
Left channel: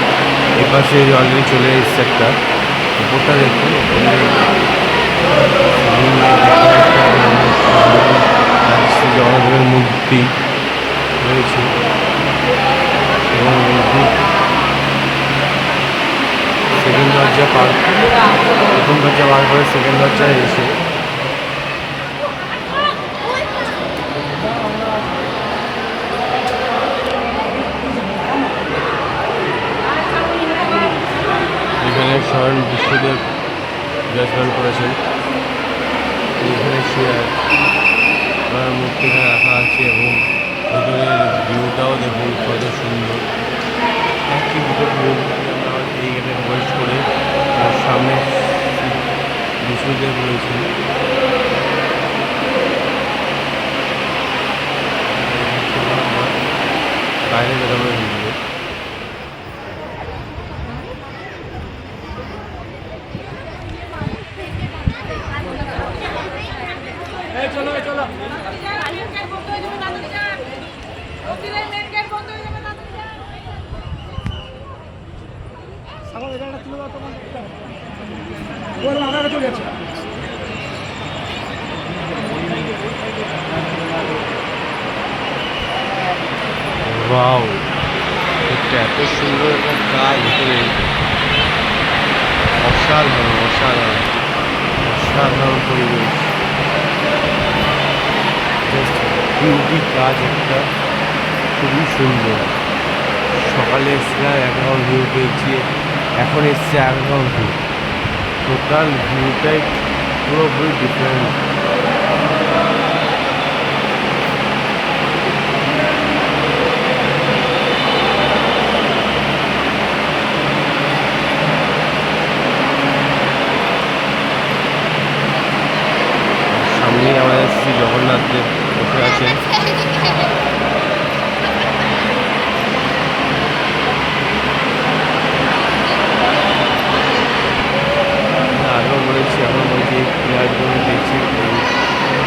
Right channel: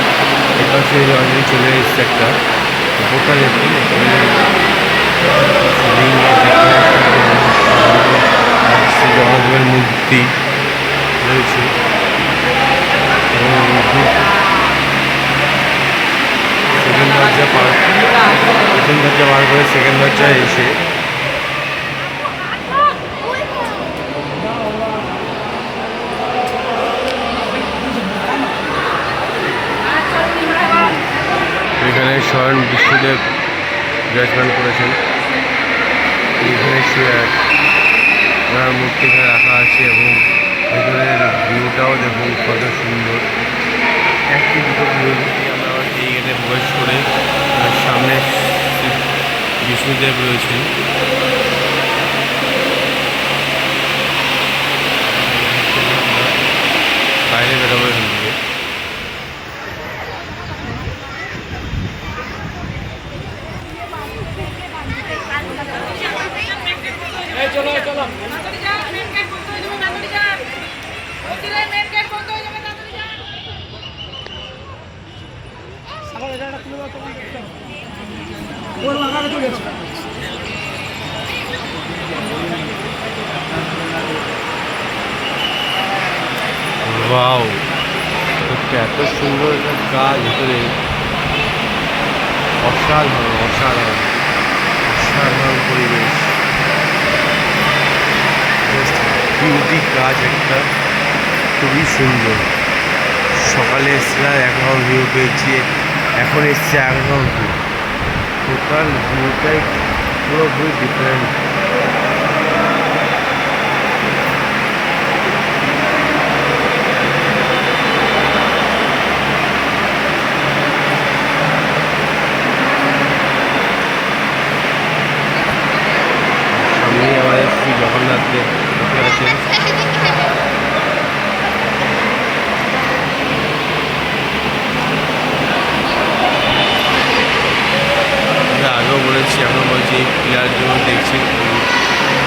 এপাশে অলরেডি চলে এসছে একটা, উপরটা দেখুন, উপরে লিঙ্গের ডেকোরেশন, জগন্নাথের মূর্তি রয়েছে। এবং সেকেন্ড দরজা পার, প্রথম দরজা পার করে সেকেন্ড দরজায় এসে এখানে স্বয়ং বিষ্ণুদেব বিরাজমান করেছেন। এখানে মূর্তি এখানে রাখা আছে, এবং ভেতরের ভিউটাও দেখুন কত সুন্দর। একই দুটো ভিউ দিয়ে আমরা এই গেটে প্রবেশ করে সামনে বিষ্ণুদেব রয়েছে। বাইরে বেরোবে এখান থেকে। ওয়াও, এটা এত সুন্দর একটা কাজ ভিতরে, অসাধারণ অসাধারণ অসাধারণ পরিবেশ, জাস্ট বিউটি কাজ একটা, খুবই সুন্দর। সকালে এসেছিলাম একরকম ভিউ পেয়েছি, এখন এসছে একরকম ভিউ, টোটাল ভিউটাই পুরোপুরি ডিফারেন্ট। সামনেই আমাদের শ্রী জগন্নাথ দেব বসে আছেন। আগেও বলেছি, এখন বলছি, এই পিলার জন্য দেখছেন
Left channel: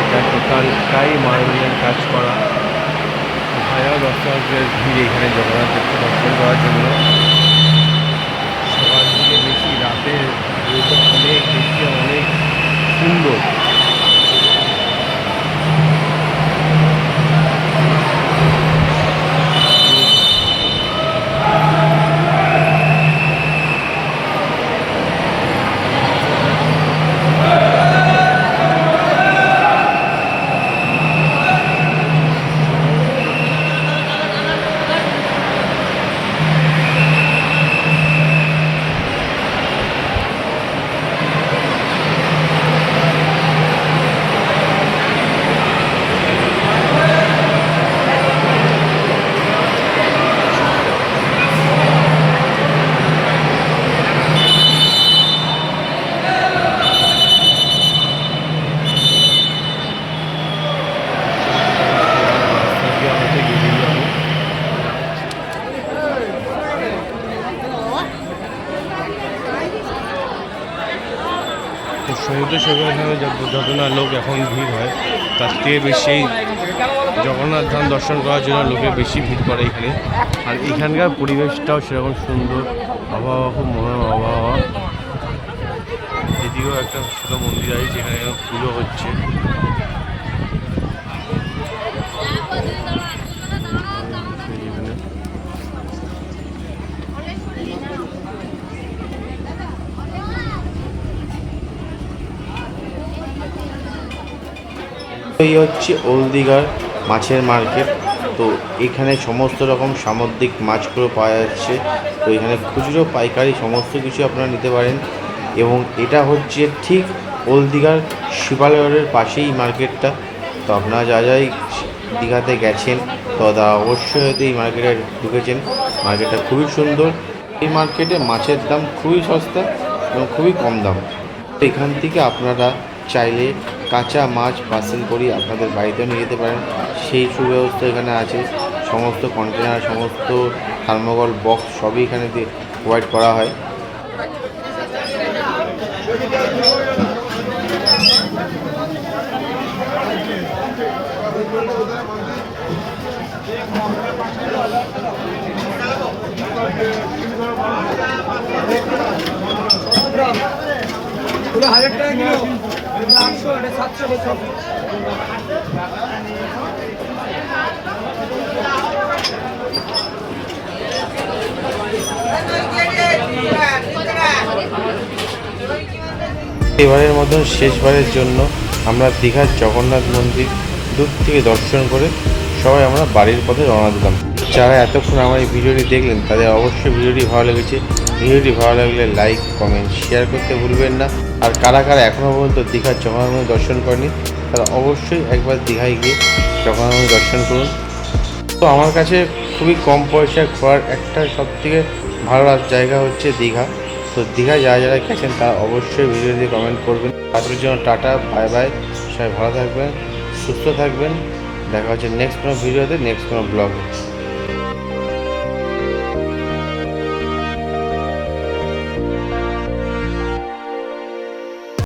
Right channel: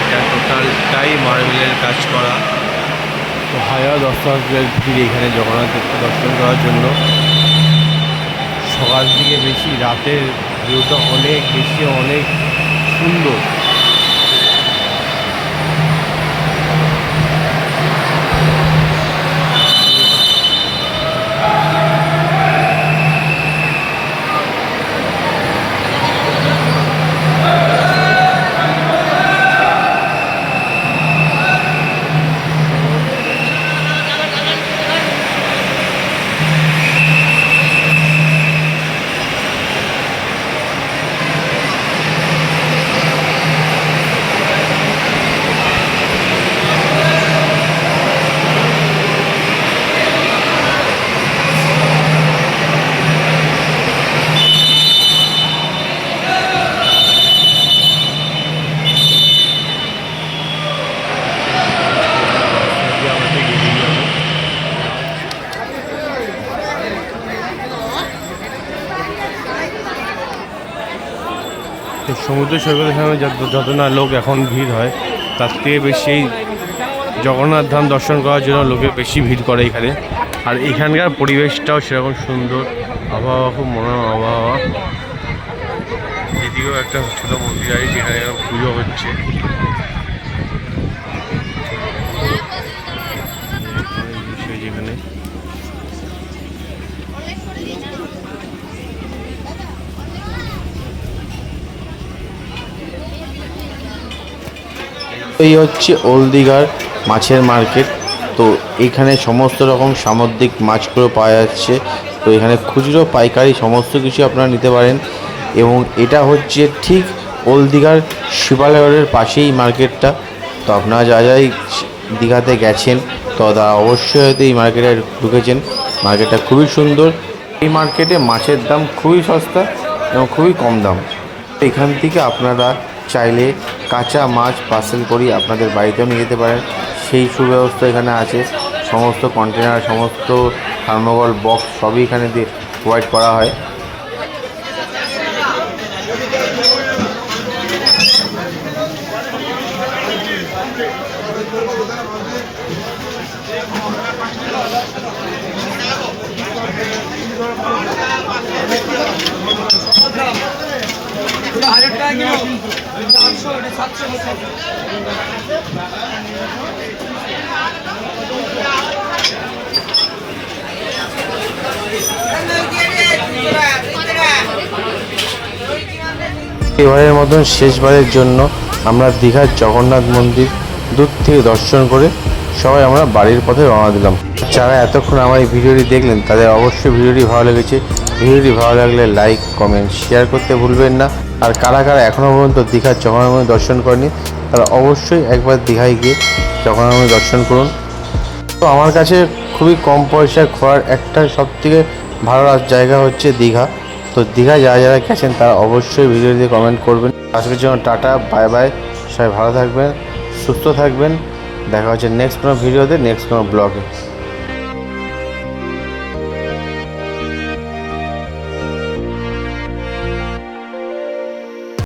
এটা টোটালটাই মার্বেলের কাজ করা। তো হাজার দর্শকদের ভিড় এখানে জগন্নাথ দেবকে দর্শন করার জন্য। সকাল থেকে বেশি, রাতের ভিউটা অনেক বেশি, অনেক সুন্দর। তো সমুদ্র সৈকতের সামনে যত না লোক এখন ভিড় হয়, তার থেকে বেশি জগন্নাথ ধাম দর্শন করার জন্য লোকে বেশি ভিড় করে এখানে। আর এখানকার পরিবেশটাও সেরকম সুন্দর, আবহাওয়া খুব মনোরম আবহাওয়া। এদিকেও একটা ছোটো মন্দির আছে যেখানে পুজো হচ্ছে। যেখানে এই হচ্ছে ওল্ড দীঘার মাছের মার্কেট। তো এখানে সমস্ত রকম সামুদ্রিক মাছগুলো পাওয়া যাচ্ছে। তো এখানে খুচরো পাইকারি সমস্ত কিছু আপনারা নিতে পারেন। এবং এটা হচ্ছে ঠিক ওল্ড দীঘার শিবালয়ের পাশেই মার্কেটটা। তো আপনারা যা যাই দীঘাতে গেছেন তো তারা অবশ্যই হয়তো এই মার্কেটে ঢুকেছেন। মার্কেটটা খুবই সুন্দর। এই মার্কেটে মাছের দাম খুবই সস্তা এবং খুবই কম দাম। এখান থেকে আপনারা চাইলে কাঁচা মাছ পার্সেল করি আপনাদের বাড়িতেও নিয়ে যেতে পারেন, সেই সুব্যবস্থা এখানে আছে। সমস্ত কন্টেনার, সমস্ত থার্মোকল বক্স সবই এখানে দিয়ে প্রোভাইড করা হয়। এবারের মতন শেষবারের জন্য আমরা দীঘার জগন্নাথ মন্দির দূর থেকে দর্শন করে সবাই আমরা বাড়ির পথে রওনা দিলাম। যারা এতক্ষণ আমার এই ভিডিওটি দেখলেন তাদের অবশ্যই ভিডিওটি ভালো লেগেছে। ভিডিওটি ভালো লাগলে লাইক, কমেন্ট, শেয়ার করতে ভুলবেন না। আর কারা কারা এখনও পর্যন্ত দীঘার জগন্নাথ মন্দির দর্শন করেনি তারা অবশ্যই একবার দীঘায় গিয়ে জগন্নাথ মন্দির দর্শন করুন। তো আমার কাছে খুবই কম পয়সায় ঘোরার একটা সবথেকে ভালো জায়গা হচ্ছে দীঘা। তো দীঘা যারা যারা গেছেন তারা অবশ্যই ভিডিওতে কমেন্ট করবেন। আজকের জন্য টাটা, বাই বাই। সবাই ভালো থাকবেন, সুস্থ থাকবেন। দেখা হচ্ছে নেক্সট কোনো ভিডিওতে, নেক্সট কোনো ব্লগে।